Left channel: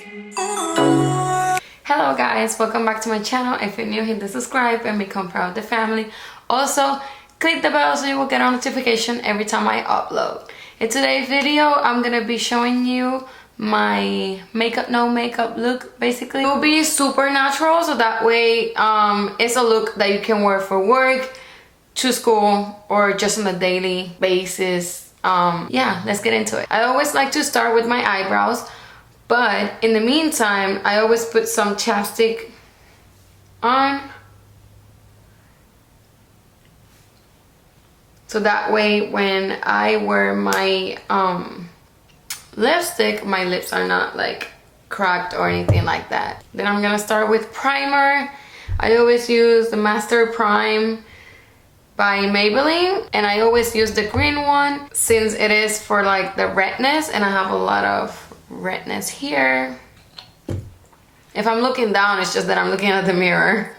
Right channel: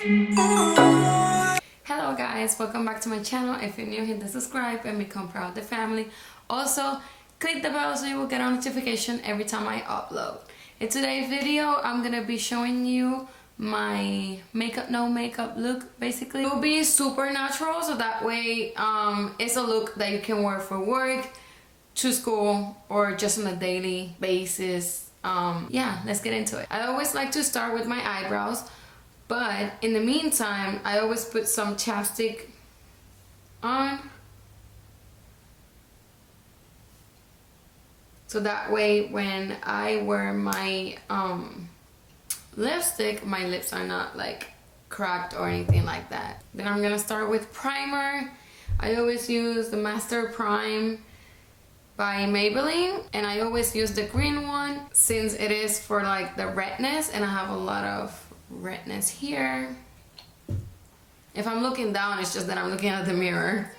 Hello guys, welcome back to my channel. If you're new, hit the subscribe and become part of the family. Also, click the bell so you will get a notification every time I upload. In today's video, I'm gonna be showing you my makeup, no makeup look. Basically, it will be super natural, so that way it's a look that you can wear for work, to school, or just on a daily basis. Yeah, let's get into it. I always like to start with my eyebrows, but in the meantime, I always put some chapstick on. So that way when I wear my lipstick, my lips are not like cracked or anything like that. Then I'm gonna start with primer. I always use the Master Prime by Maybelline, and I always use the green one since it is for like the redness, and I have a lot of redness here. If I'm looking down, it's just that I'm looking at the mirror.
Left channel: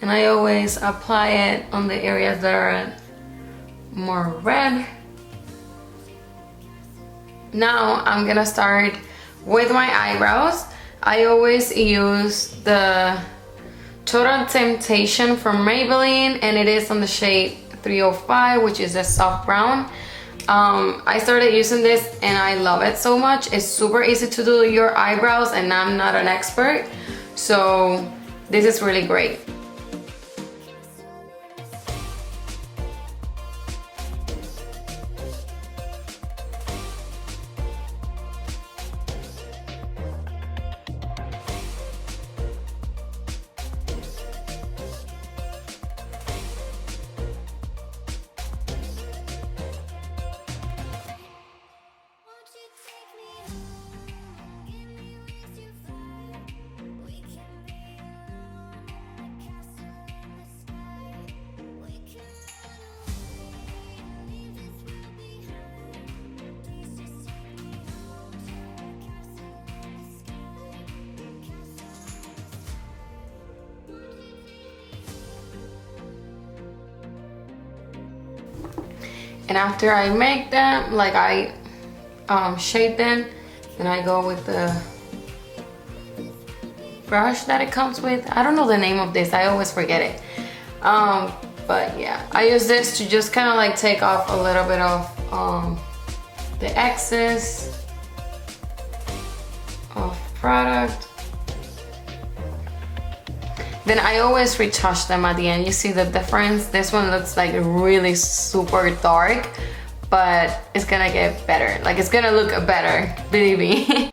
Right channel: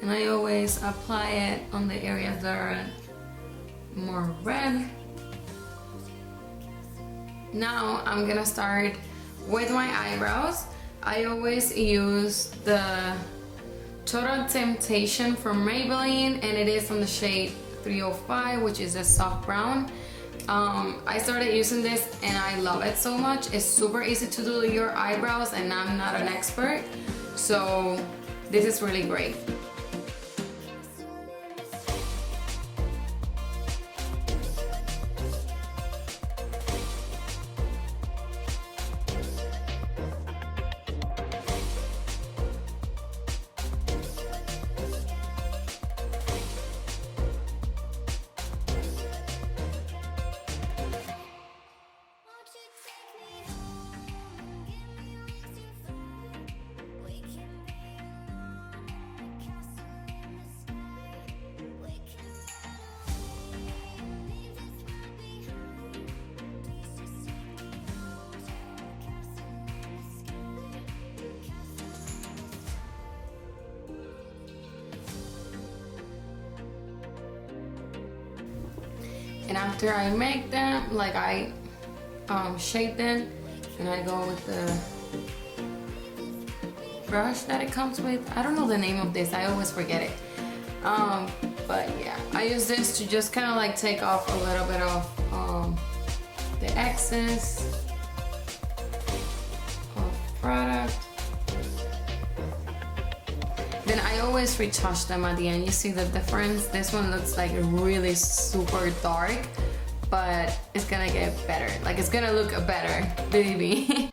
And I always apply it on the areas that are more red. Now I'm gonna start with my eyebrows. I always use the Total Temptation from Maybelline, and it is on the shade 305, which is a soft brown. I started using this and I love it so much. It's super easy to do your eyebrows, and I'm not an expert, so this is really great. And after I make them, like I shape them, then I go with the brush that it comes with. I don't know the name of this, I always forget it. But yeah, I use this to just kind of like take off a little bit of the excess of product. Then I always retouch them at the end. You see the difference? This one looks like really super dark, but it's gonna get better. Like, it's gonna look better, believe me.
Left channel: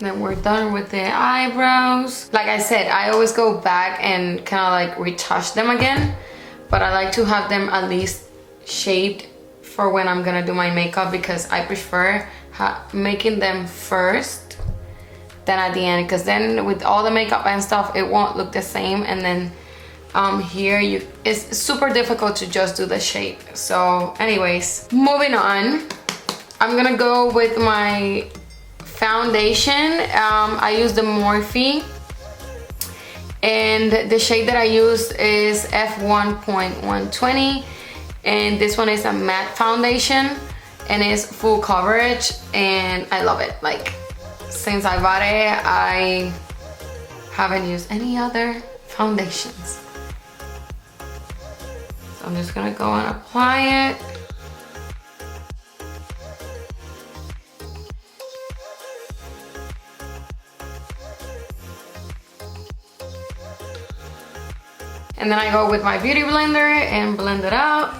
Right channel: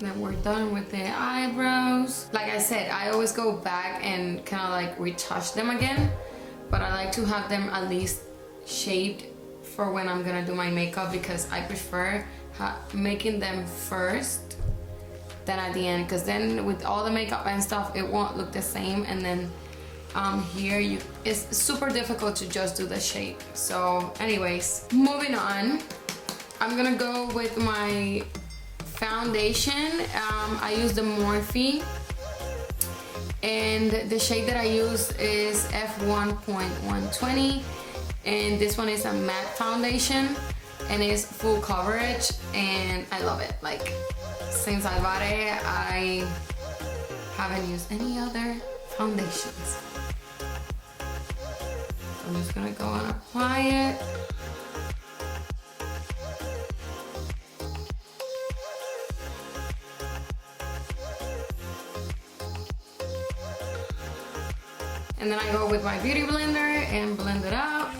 Then we're done with the eyebrows. Like I said, I always go back and kind of like retouch them again, but I like to have them at least shaped for when I'm gonna do my makeup, because I prefer making them first than at the end, because then with all the makeup and stuff it won't look the same, and then here it's super difficult to just do the shape. So anyways, moving on, I'm gonna go with my foundation. I use the Morphe, and the shade that I use is F1.120. And this one is a matte foundation, and it's full coverage, and I love it. Like, since I bought it, I haven't used any other foundations. So I'm just gonna go and apply it. And then I go with my beauty blender and blend it out.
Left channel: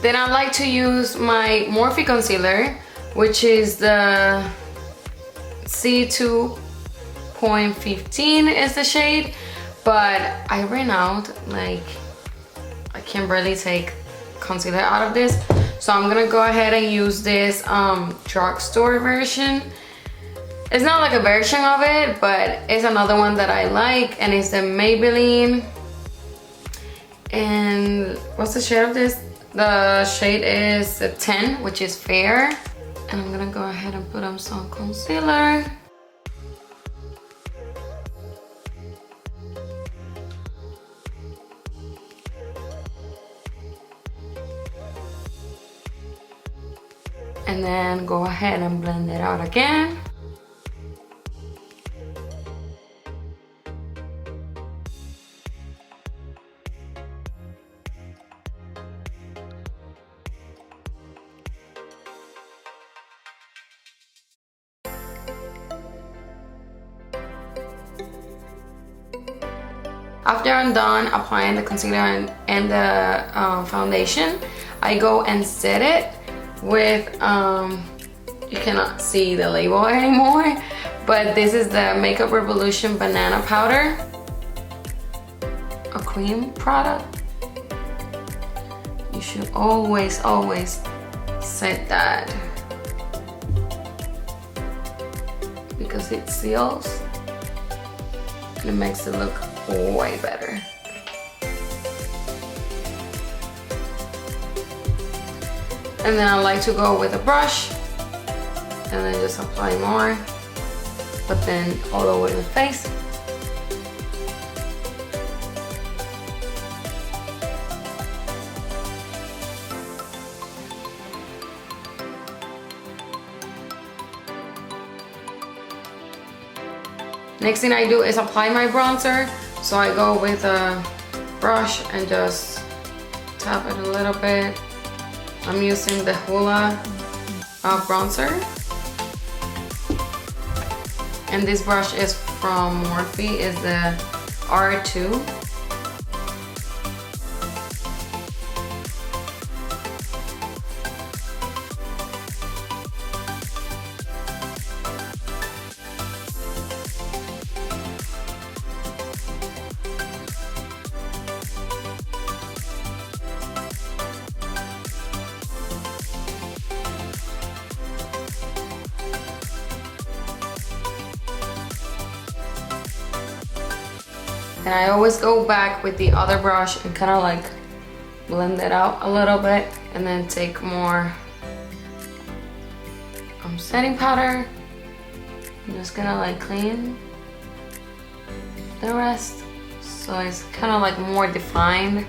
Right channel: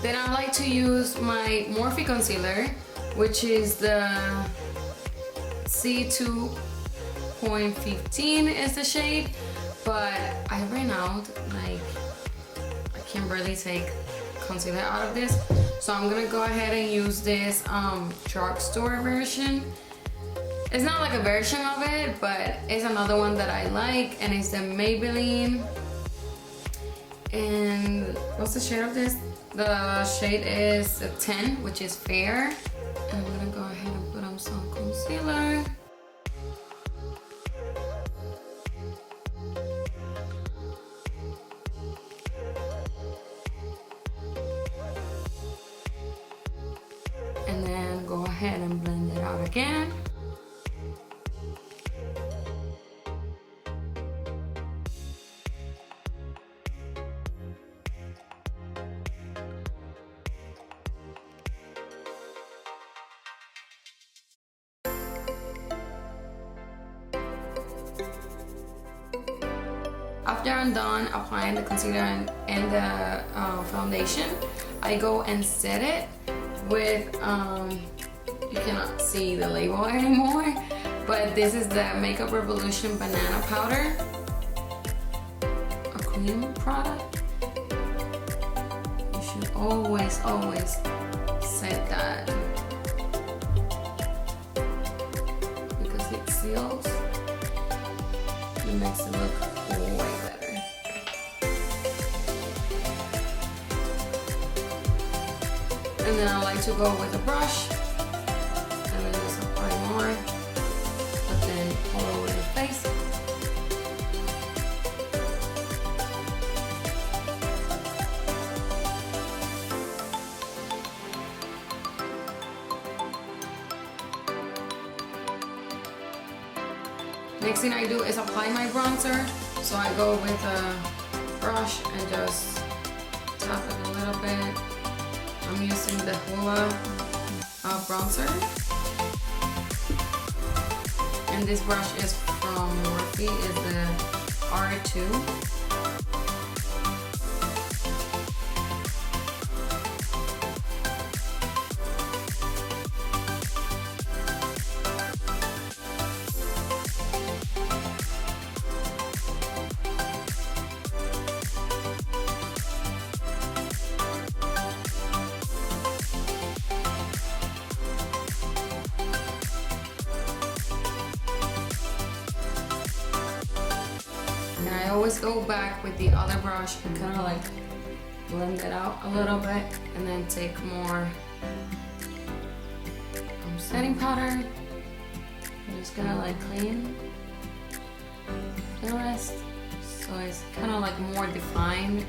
Then I like to use my Morphe concealer, which is the C2.15 is the shade, but I ran out. Like, I can barely take concealer out of this, so I'm gonna go ahead and use this drugstore version. It's not like a version of it, but it's another one that I like, and it's the Maybelline. And what's the shade of this? The shade is a 10, which is fair. And I'm gonna go ahead and put on some concealer. And then go ahead and blend it out again. After I'm done applying the concealer and the foundation, I go and set it with, you cannot see the label anymore, but this is the Makeup Revolution Banana Powder, a cream product. You should always set that because it seals and it makes it look way better. And then I like to go with a brush and then just apply more, but then all over the face. Next thing I do is apply my bronzer. So I go with a brush and just tap it a little bit. I'm using the Hoola bronzer. And this brush is from Morphe, is the R2. And I always go back with the other brush and kind of like blend it out a little bit, and then take more setting powder. I'm just gonna like clean the rest so it's kind of like more defined.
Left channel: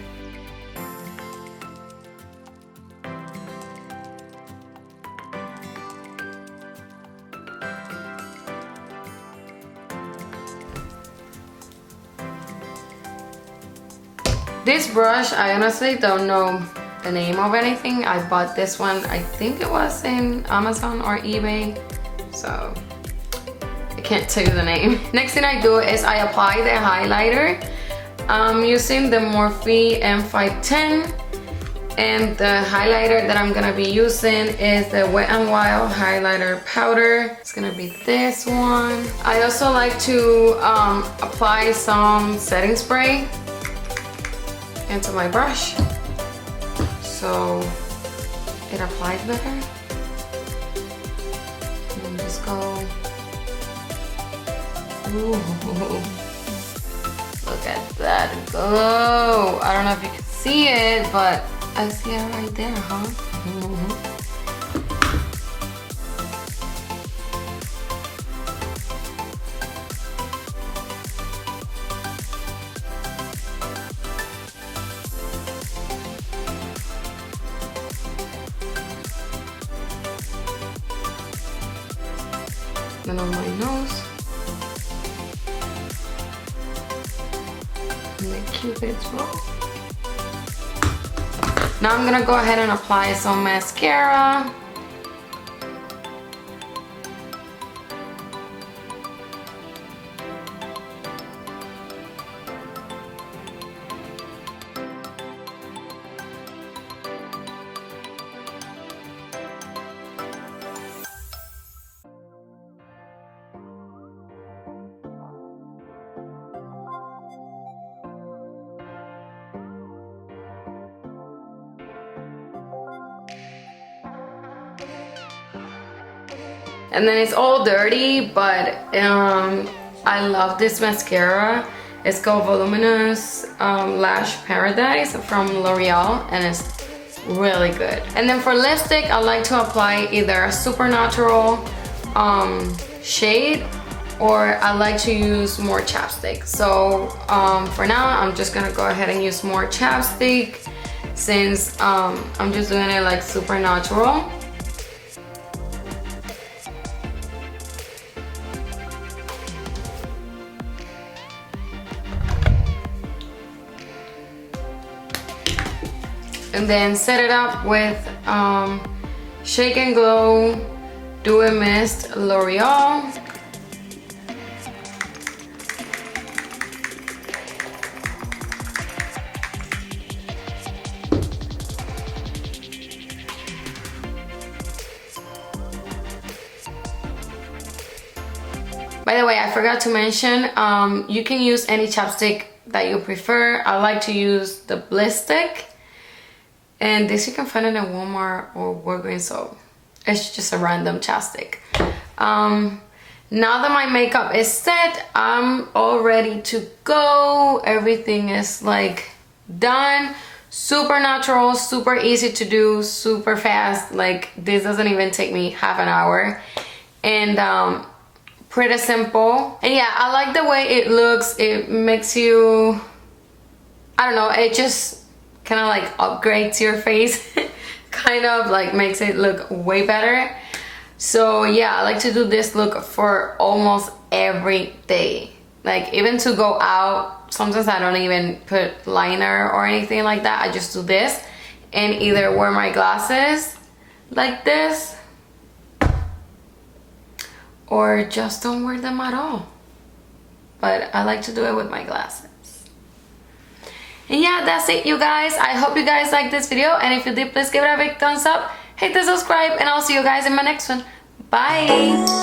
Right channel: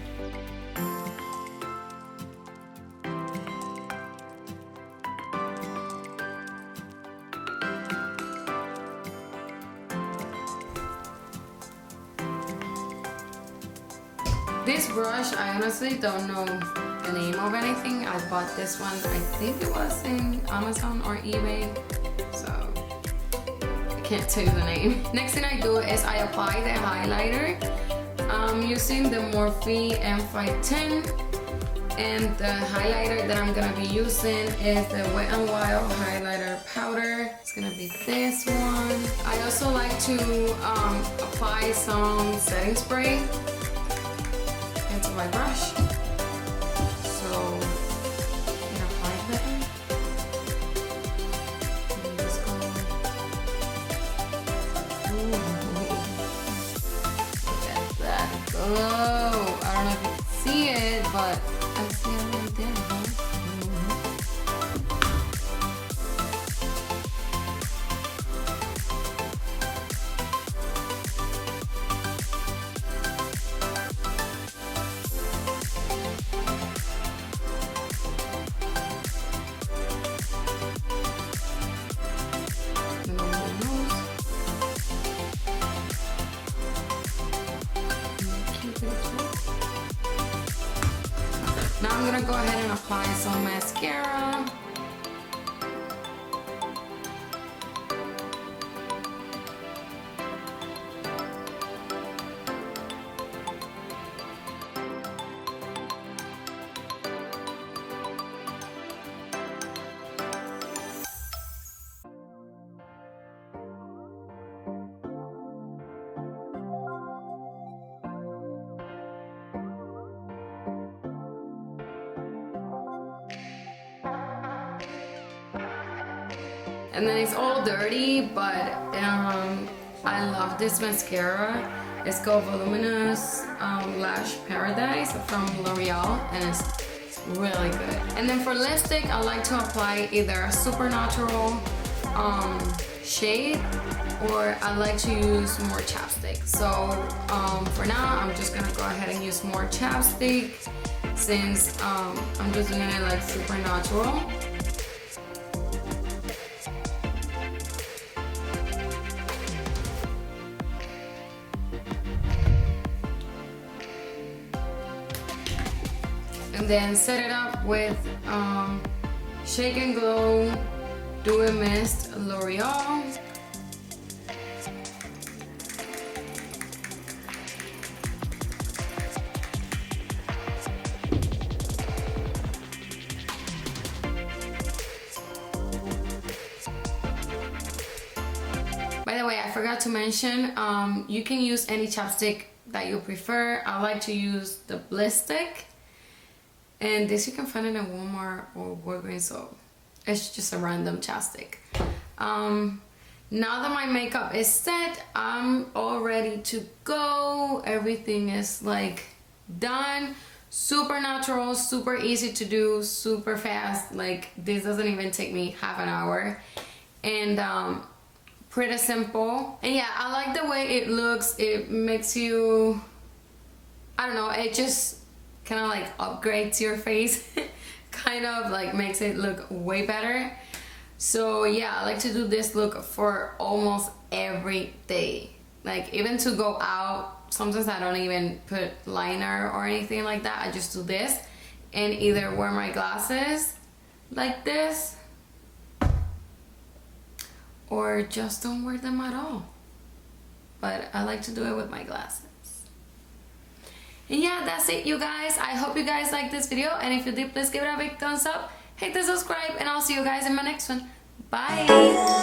This brush, I honestly don't know the name of anything. I bought this one, I think it was in Amazon or eBay, so I can't tell you the name. Next thing I do is I apply the highlighter. I'm using the Morphe M510, and the highlighter that I'm gonna be using is the Wet n Wild highlighter powder. It's gonna be this one. I also like to apply some setting spray into my brush so it applies better. And then just go, ooh, look at that go. I don't know if you can see it, but I see it right there, huh? Then on my nose, and the Cupid's bow. Now I'm gonna go ahead and apply some mascara. And then it's all dirty, but I love this mascara. It's called Voluminous Lash Paradise from L'Oreal, and it's really good. And then for lipstick, I like to apply either a supernatural shade, or I like to use more chapstick. So for now, I'm just gonna go ahead and use more chapstick, since I'm just doing it like supernatural. And then set it up with Shake and Glow Dew and Mist L'Oreal. By the way, I forgot to mention, you can use any chapstick that you prefer. I like to use the Blistex. And this you can find it in Walmart or Walgreens, so it's just a random chapstick. Now that my makeup is set, I'm all ready to go. Everything is like done. Super natural, super easy to do, super fast. Like this doesn't even take me half an hour. And pretty simple. And yeah, I like the way it looks. It makes you, I don't know, it just kind of like upgrades your face. Kind of like makes it look way better. So yeah, I like to do this look for almost every day. Like even to go out, sometimes I don't even put liner or anything like that. I just do this and either wear my glasses like this, or just don't wear them at all. But I like to do it with my glasses. And yeah, that's it, you guys. I hope you guys liked this video, and if you did, please give it a big thumbs up, hit the subscribe, and I'll see you guys in my next one. Bye.